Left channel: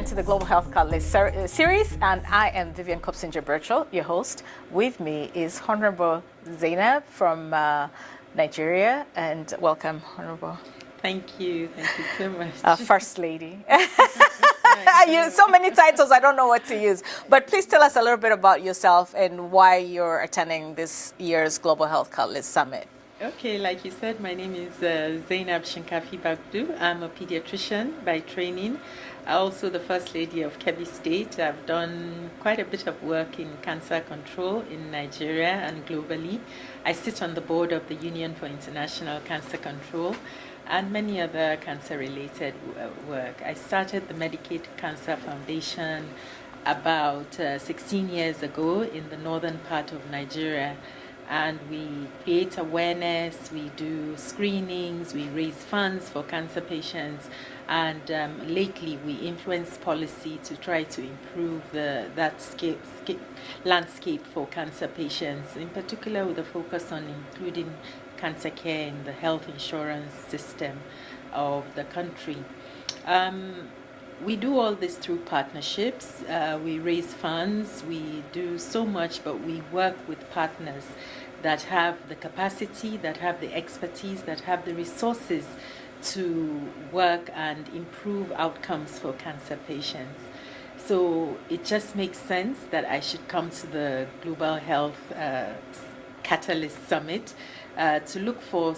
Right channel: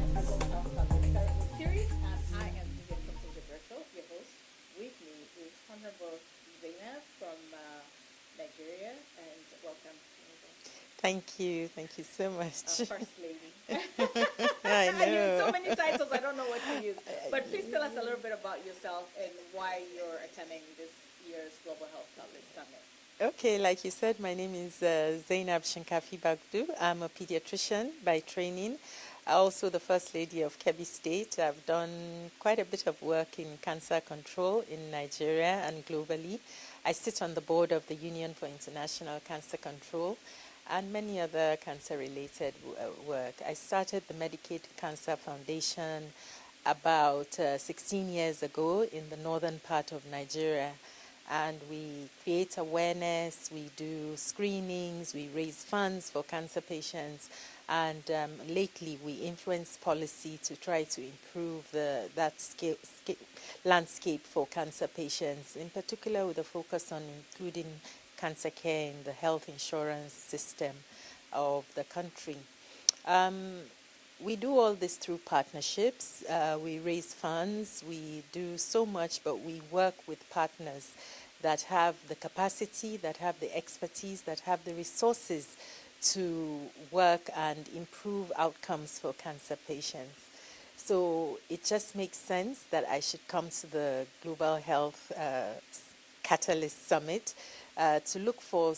again to the Global Health Catalyst series, and I am Vivian Kopsinger-Birchall, your host. With me is Honorable Zainab from Nigeria, and welcome, Honorable. Thank you so much. First Lady. So many titles, I don't know what to use. But please tell us a little bit about yourself and why you're attending this year's Global Health Catalyst Summit. Okay, like you said, my name is Zainab Shinkafi-Bagudu. I'm a pediatrician by training. Also the First Lady of Kebbi State. I've done quite a bit of work in cancer control in Nigeria and globally. I sit on the board of the Union for International Cancer Control and many other cancer-related work. I started the Medicaid Cancer Foundation about 16 years ago in the northern part of Nigeria. And we create awareness, we do screenings, we raise funds for cancer patients, and lately we influence policy to try to improve that landscape for cancer patients, in particular with a focus on including cancer care in the health insurance system of the country. We do all this through partnerships. We raise funds, we do so much, but we work with partners that have the capacity, that have the expertise, that have the resources to work and improve outcomes for cancer patients. So it just makes sense that I should come to the Global Health Catalyst Summit to look for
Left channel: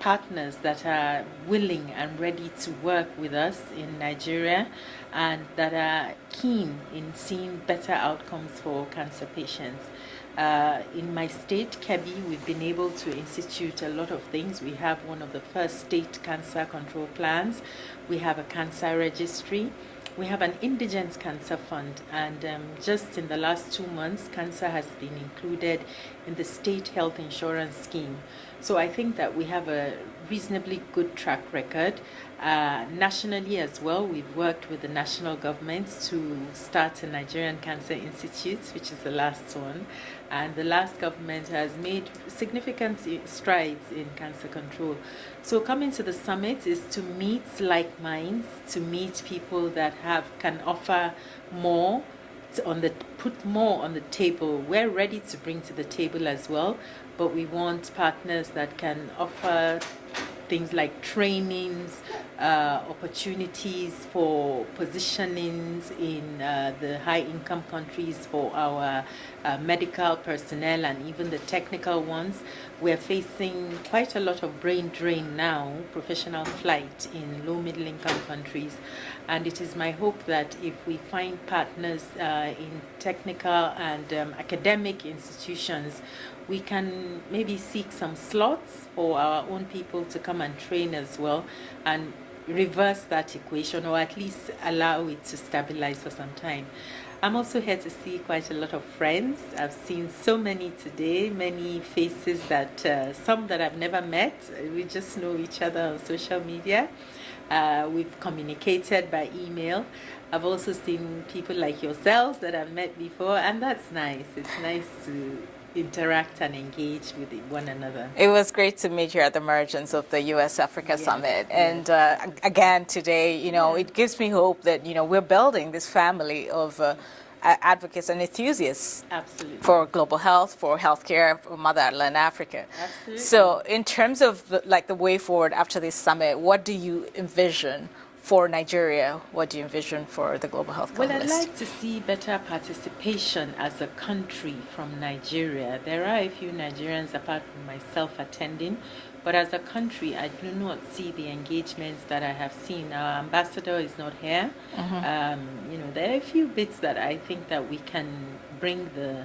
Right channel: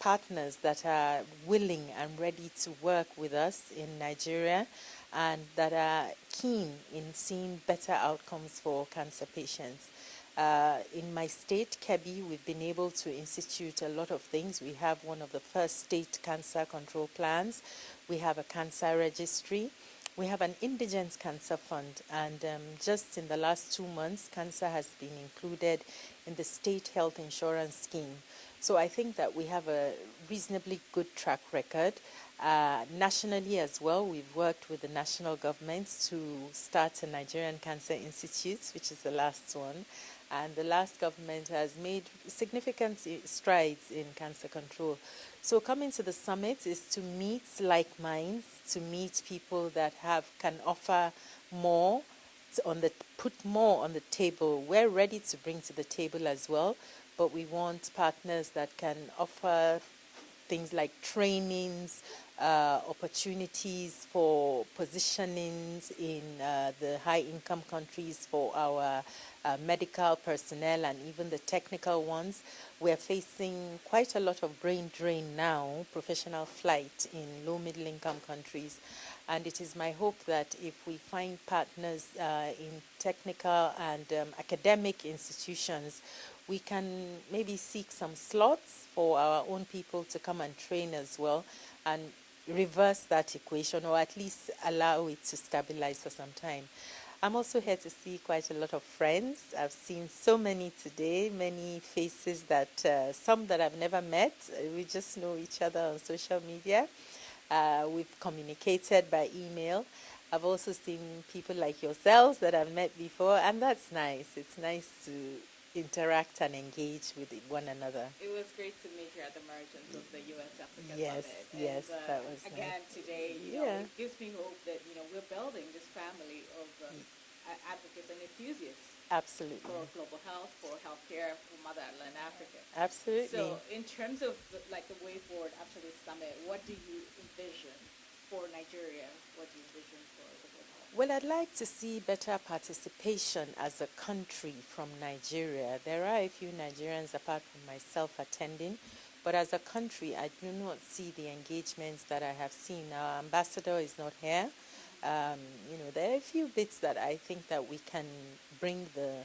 partners that are willing and ready to work with us in Nigeria and that are keen in seeing better outcomes for cancer patients. In my state, Kebbi, we've been able to institute a lot of things. We have one of the first state cancer control plans. We have a cancer registry. We have an indigent cancer fund, and just in the last 2 months, cancer has been included in the state health insurance scheme. So I think that we have a reasonably good track record. Nationally as well, we've worked with the national governments to start a Nigerian Cancer Institute, which is the last one. And the last government has made significant strides in cancer control. So coming to the summit is to meet like minds, to meet people that can offer more, put more on the table. We're ready to bring to the table as well, but we want partners that can offer things like trainings, opportunities for positionings in the high-income countries for our medical personnel and even the technical ones. We're facing quite a lot of brain drain now, professional flight in low-middle-income countries. And it is my hope that if we find partners in technical and academic institutions, we can maybe seek some slots for our own people to come and train as well and reverse that equation, or at least allow it to stabilize for some time. I'm also here to see quite a lot of friends. I've seen so many today, many faces that some that I've never met. We just know each other on social media. We've communicated by email. I've also seen people like yourselves that I've met before, and that's nice. It's nice to interact and engage with one another. It was great to meet you at the emergence of the U.S.-Africa Summit. And again, today, it gives me hope that, we're building this family of advocates and enthusiasts. Absolutely. For global health, for healthcare, for motherland Africa. Absolutely. So in terms of the way forward after this summit, what do you envision for Nigeria? What do you envision for the Global Health Catalyst? Well, I'd like to see better participation as a country from Nigeria. There are a few Nigerians apart from myself attending, but as a country, I do not see the engagements that I have seen. Our ambassador is not here. Mm-hmm. There are a few bits that I think that we can bring the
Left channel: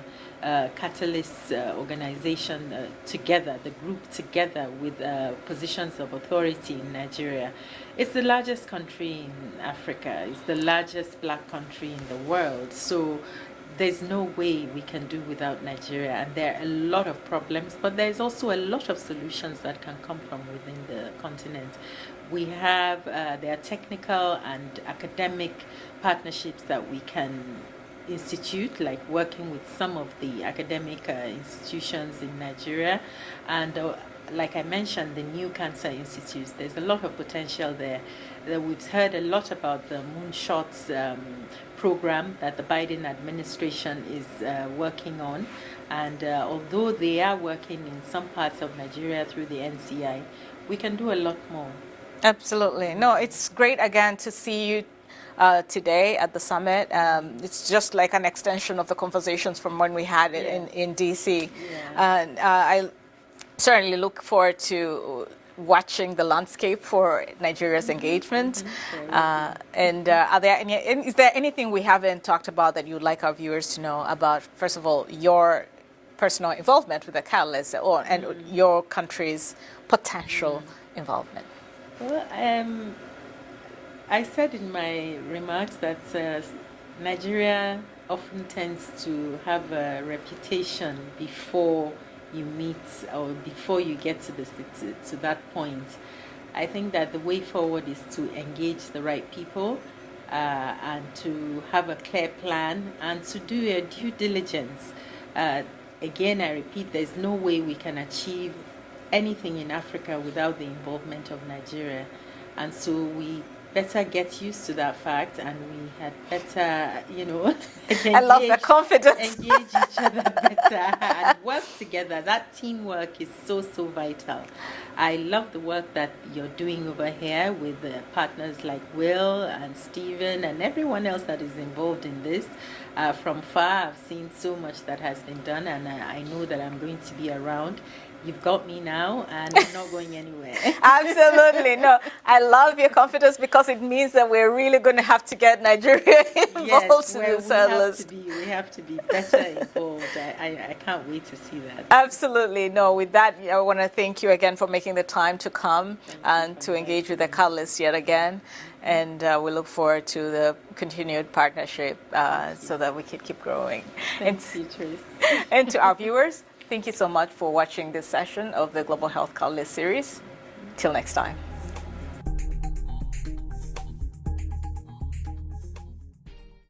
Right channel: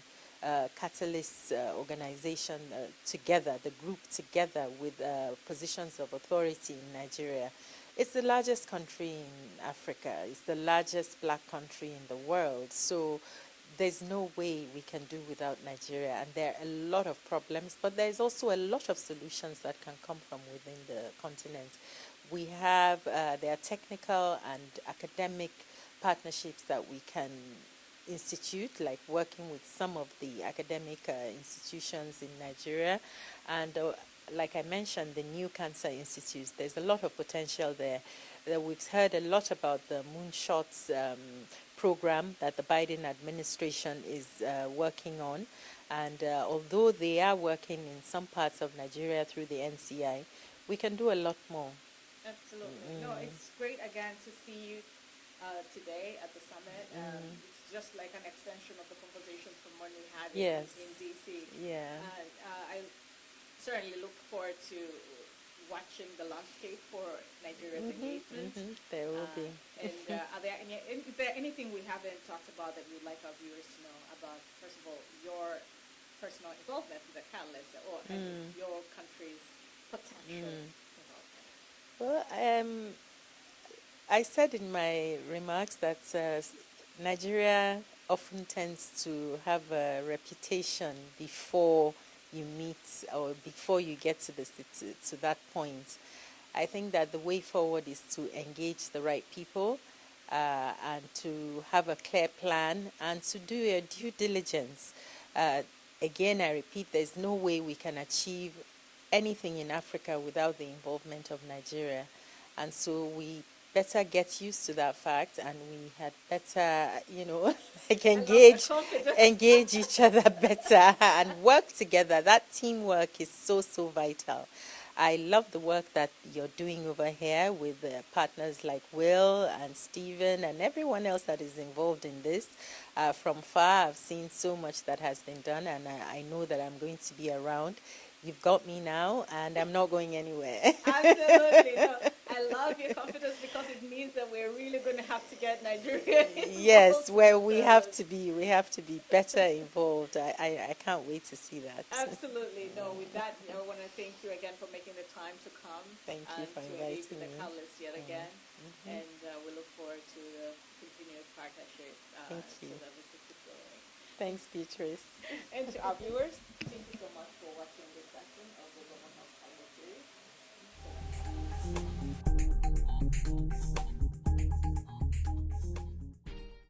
Catalyst organization together, the group together with positions of authority in Nigeria. It's the largest country in Africa. It's the largest black country in the world. So there's no way we can do without Nigeria. And there are a lot of problems, but there's also a lot of solutions that can come from within the continent. We have, there are technical and academic partnerships that we can institute, like working with some of the academic institutions in Nigeria. And like I mentioned, the new cancer institutes, there's a lot of potential there. We've heard a lot about the Moonshots program that the Biden administration is working on. And although they are working in some parts of Nigeria through the NCI, we can do a lot more. Absolutely. No, it's great again to see you today at the summit. It's just like an extension of the conversations from when we had it in DC. Yeah. And I certainly look forward to watching the landscape for Nigeria's engagement. And is there anything we haven't talked about that you'd like our viewers to know about, first of all, your personal involvement with the Catalyst and your country's potential involvement? Well, I said in my remarks that Nigeria often tends to have a reputation before you meet or before you get to that point. I think that the way forward is to engage the right people and to have a clear plan and to do a due diligence. Again, I repeat, there's no way we can achieve anything in Africa without the involvement of Nigeria. And so we better get used to that fact, and we had better, I love the confidence. engage each other better and work together. That teamwork is so, so vital. I love the work that you're doing over here with partners like Will and Stephen and everyone else that is involved in this. From far, I've seen so much that has been done, and I know that I'm going to be around. You've got me now, and I'm not going anywhere. Absolutely. No, I love your confidence because it means that we're really going to have to get Nigeria involved. Yes, in well, this we have to be better involved. I can't wait to see that. Absolutely. No, with that, I want to thank you again for making the time to come and to engage with the Catalyst yet again. And we look forward to the continued partnership so that we can keep growing. Thanks, Trace. And to our viewers, thank you so much for watching this session of the Global Health Catalyst series. Till next time.